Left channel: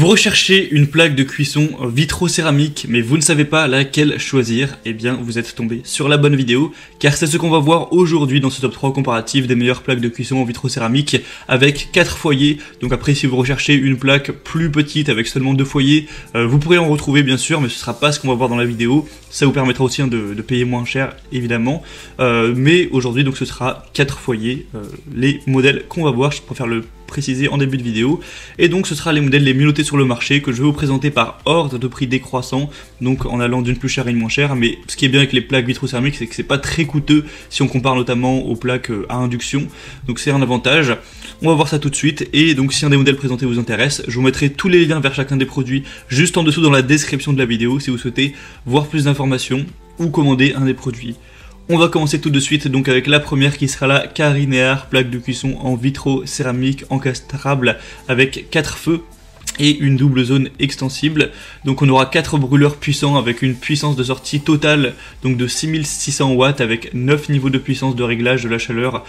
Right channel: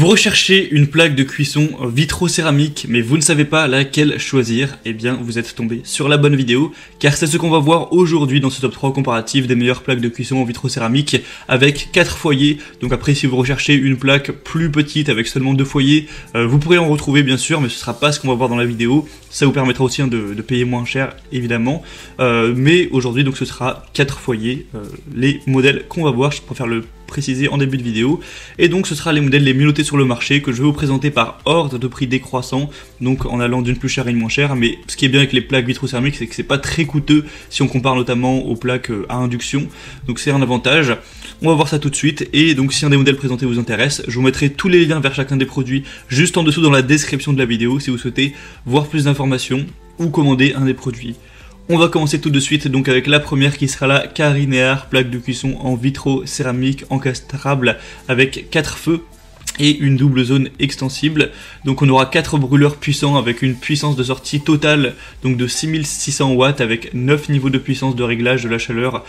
Vous recherchez une plaque de cuisson vitro-céramique, mais vous ne savez pas laquelle choisir, eh bien vous êtes tombé sur la bonne vidéo, car c'est ce qu'on va voir aujourd'hui dans ce top 3 comparatif des meilleures plaques de cuisson en vitro-céramique avec 4 foyers. Donc après, si vous recherchez une plaque plus petite avec seulement 2 foyers, vous pourrez en retrouver bien sûr, mais ce sera pas ce qu'on va voir dans la vidéo. Ça vous permettra aussi de payer moins cher évidemment, mais aujourd'hui donc ce sera 4 foyers, les modèles qu'on va voir. Je préfère le préciser en début de vidéo, et donc ce sera les modèles les mieux notés sur le marché que je vais vous présenter par ordre de prix décroissant, donc en allant d'une plus chère à une moins chère. Mais ce qui est bien avec les plaques vitro-céramiques, c'est que c'est pas très coûteux si on compare notamment aux plaques à induction, donc c'est un avantage. On va voir ça tout de suite, et donc si un des modèles présentés vous intéresse, je vous mettrai tous les liens vers chacun des produits juste en dessous dans la description de la vidéo si vous souhaitez voir plus d'informations ou commander un des produits. On va commencer tout de suite donc avec la première qui sera la Carinear, plaque de cuisson en vitro-céramique encastrable avec 4 feux et une double zone extensible. Donc on aura 4 brûleurs puissants avec une puissance de sortie totale donc de 6600 watts avec 9 niveaux de puissance de réglage de la chaleur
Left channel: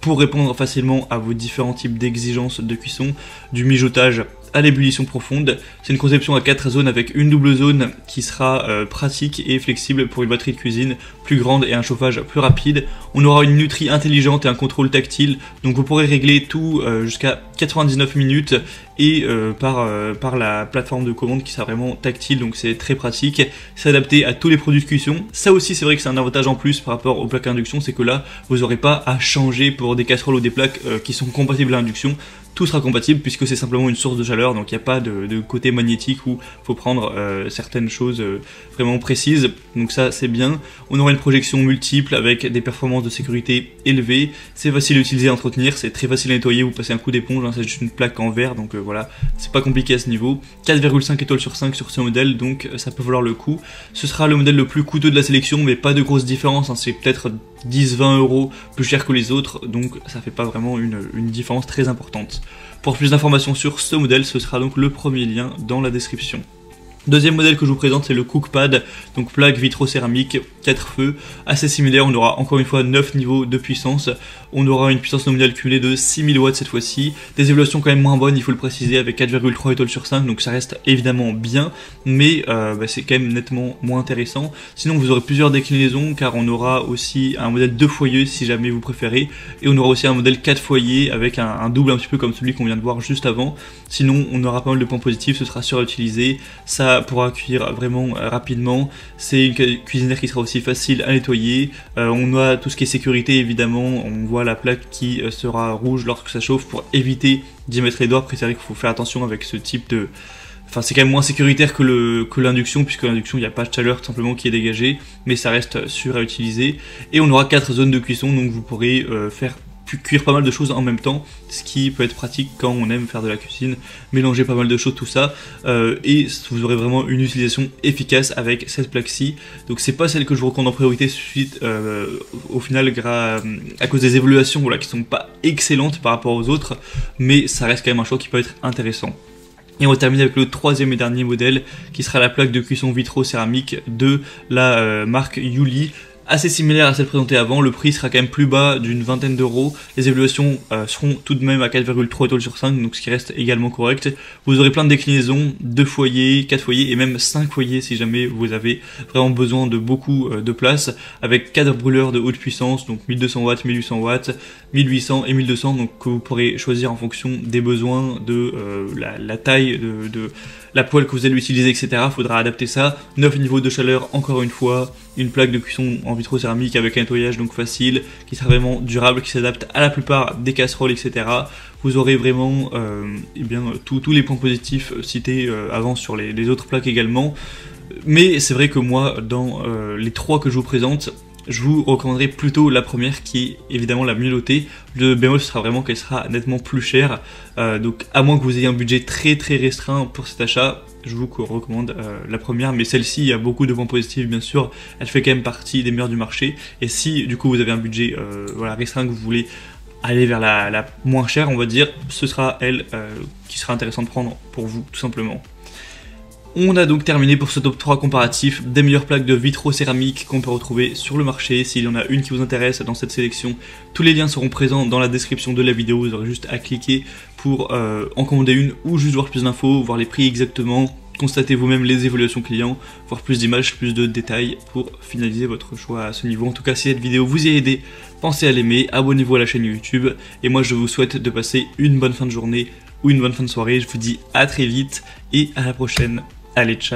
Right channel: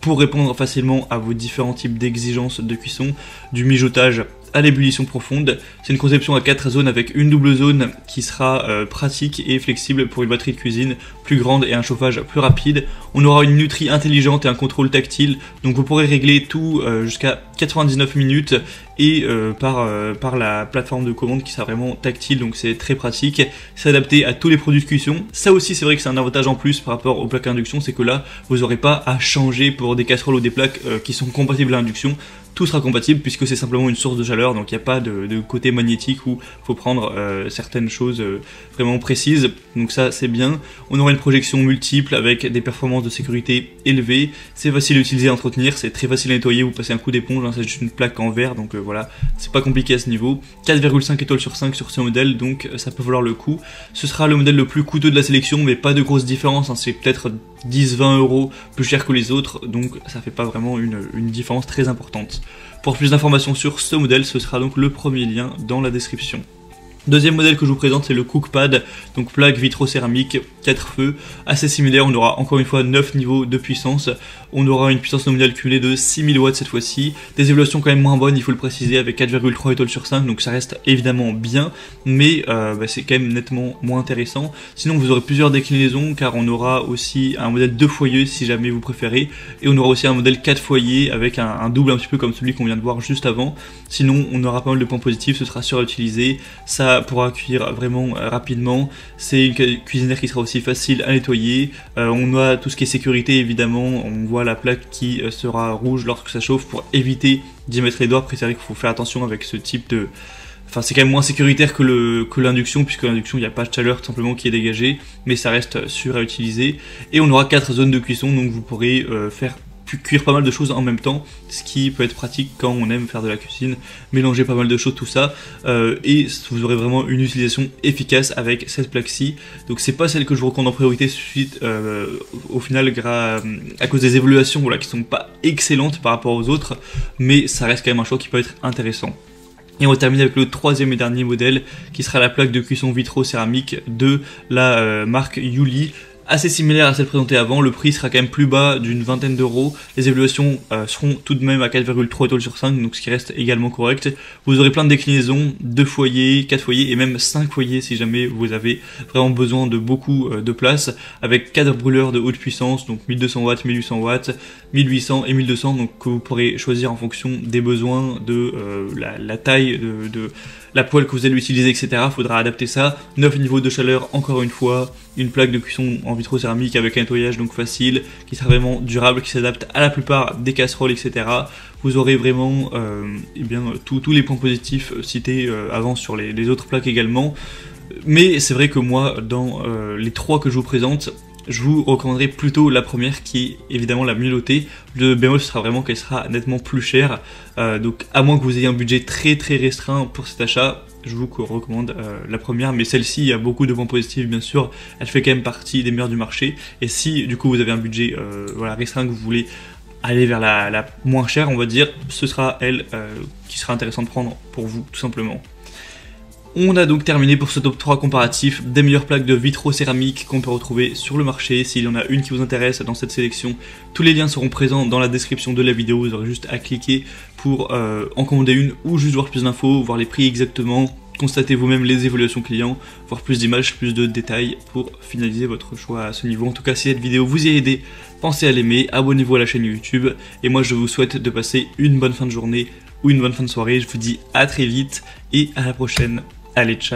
pour répondre facilement à vos différents types d'exigences de cuisson, du mijotage à l'ébullition profonde. C'est une conception à 4 zones avec une double zone qui sera pratique et flexible pour une batterie de cuisine plus grande et un chauffage plus rapide. On aura une nutrie intelligente et un contrôle tactile, donc vous pourrez régler tout jusqu'à 99 minutes et par la plateforme de commande qui sera vraiment tactile, donc c'est très pratique. C'est adapté à tous les produits de cuisson. Ça aussi c'est vrai que c'est un avantage en plus par rapport aux plaques à induction, c'est que là vous n'aurez pas à changer pour des casseroles ou des plaques qui sont compatibles à l'induction. Tout sera compatible puisque c'est simplement une source de chaleur, donc il n'y a pas de côté magnétique où il faut prendre certaines choses vraiment précises, donc ça c'est bien. On aura une projection multiple avec des performances de sécurité élevées, c'est facile à utiliser et à entretenir, c'est très facile à nettoyer, vous passez un coup d'éponge, hein, c'est juste une plaque en verre, donc voilà, c'est pas compliqué à ce niveau. 4,5 étoiles sur 5 sur ce modèle, donc ça peut valoir le coup. Ce sera le modèle le plus coûteux de la sélection, mais pas de grosse différence, hein, c'est peut-être 10-20 euros plus cher que les autres, donc ça fait pas vraiment une différence très importante. Pour plus d'informations sur ce modèle, ce sera donc le premier lien dans la description. Deuxième modèle que je vous présente, c'est le Cookpad, donc plaque vitro-céramique, 4 feux, assez similaire. On aura encore une fois 9 niveaux de puissance. On aura une puissance nominale cumulée de 6000 watts cette fois-ci. Des évaluations quand même moins bonnes, il faut le préciser, avec 4,3 étoiles sur 5, donc ça reste évidemment bien, mais c'est quand même nettement moins intéressant. Sinon vous aurez plusieurs déclinaisons, car on aura aussi un modèle 2 foyers si jamais vous préférez, et on aura aussi un modèle 4 foyers avec un double un petit peu comme celui qu'on vient de voir juste avant. Sinon, on aura pas mal de points positifs, ce sera sûr à utiliser, ça pourra cuire vraiment rapidement, c'est une cuisinière qui sera aussi facile à nettoyer. On a tout ce qui est sécurité évidemment, on voit la plaque qui sera rouge lorsque ça chauffe pour éviter d'y mettre les doigts, parce que c'est vrai qu'il faut faire attention avec ce type de... Enfin, c'est quand même moins sécuritaire que l'induction, puisque l'induction, il n'y a pas de chaleur tout simplement qui est dégagée, mais ça reste sûr à utiliser. Et on aura 4 zones de cuisson, donc vous pourrez cuire pas mal de choses en même temps, ce qui peut être pratique quand on aime faire de la cuisine, mélanger pas mal de choses, tout ça, et vous aurez vraiment une utilisation efficace avec cette plaque-ci. Donc c'est pas celle que je vous recommande en priorité suite au final à cause des évaluations voilà, qui sont pas excellentes par rapport aux autres, mais ça reste quand même un choix qui peut être intéressant. Et on va terminer avec le troisième et dernier modèle qui sera la plaque de cuisson vitro-céramique de la marque Yuli. Assez similaire à celle présentée avant, le prix sera quand même plus bas d'une vingtaine d'euros. Les évaluations seront tout de même à 4,3 étoiles sur 5, donc ce qui reste également correct. Vous aurez plein de déclinaisons, 2 foyers, 4 foyers et même 5 foyers si jamais vous avez vraiment besoin de beaucoup de place, avec 4 brûleurs de haute puissance, donc 1200 watts, 1800 watts, 1800 et 1200, donc que vous pourrez choisir en fonction des besoins de la taille de la poêle que vous allez utiliser, etc. Il faudra adapter ça. 9 niveaux de chaleur, encore une fois. Une plaque de cuisson en vitro-céramique avec un nettoyage donc facile, qui sera vraiment durable, qui s'adapte à la plupart des casseroles, etc. Vous aurez vraiment tous les points positifs cités avant sur les autres plaques également. Mais c'est vrai que moi, dans les 3 que je vous présente, je vous recommanderais plutôt la première qui est évidemment la mieux notée. Le bémol ce sera vraiment qu'elle sera nettement plus chère, donc à moins que vous ayez un budget très restreint pour cet achat, je vous recommande la première, mais celle-ci il y a beaucoup de points positifs bien sûr, elle fait quand même partie des meilleures du marché, et si du coup vous avez un budget restreint, que vous voulez aller vers la moins chère on va dire, ce sera elle qui sera intéressante de prendre pour vous tout simplement. On a donc terminé pour ce top 3 comparatif des meilleures plaques de vitrocéramique qu'on peut retrouver sur le marché. S'il y en a une qui vous intéresse dans cette sélection, tous les liens seront présents dans la description de la vidéo. Vous aurez juste à cliquer pour en commander une ou juste voir plus d'infos, voir les prix exactement, constater vous-même les évaluations clients, voir plus d'images, plus de détails pour finaliser votre choix à ce niveau. En tout cas, si cette vidéo vous y a aidé, pensez à l'aimer, abonnez-vous à la chaîne YouTube et moi je vous souhaite de passer une bonne fin de journée ou une bonne fin de soirée. Je vous dis à très vite et à la prochaine. Allez, ciao.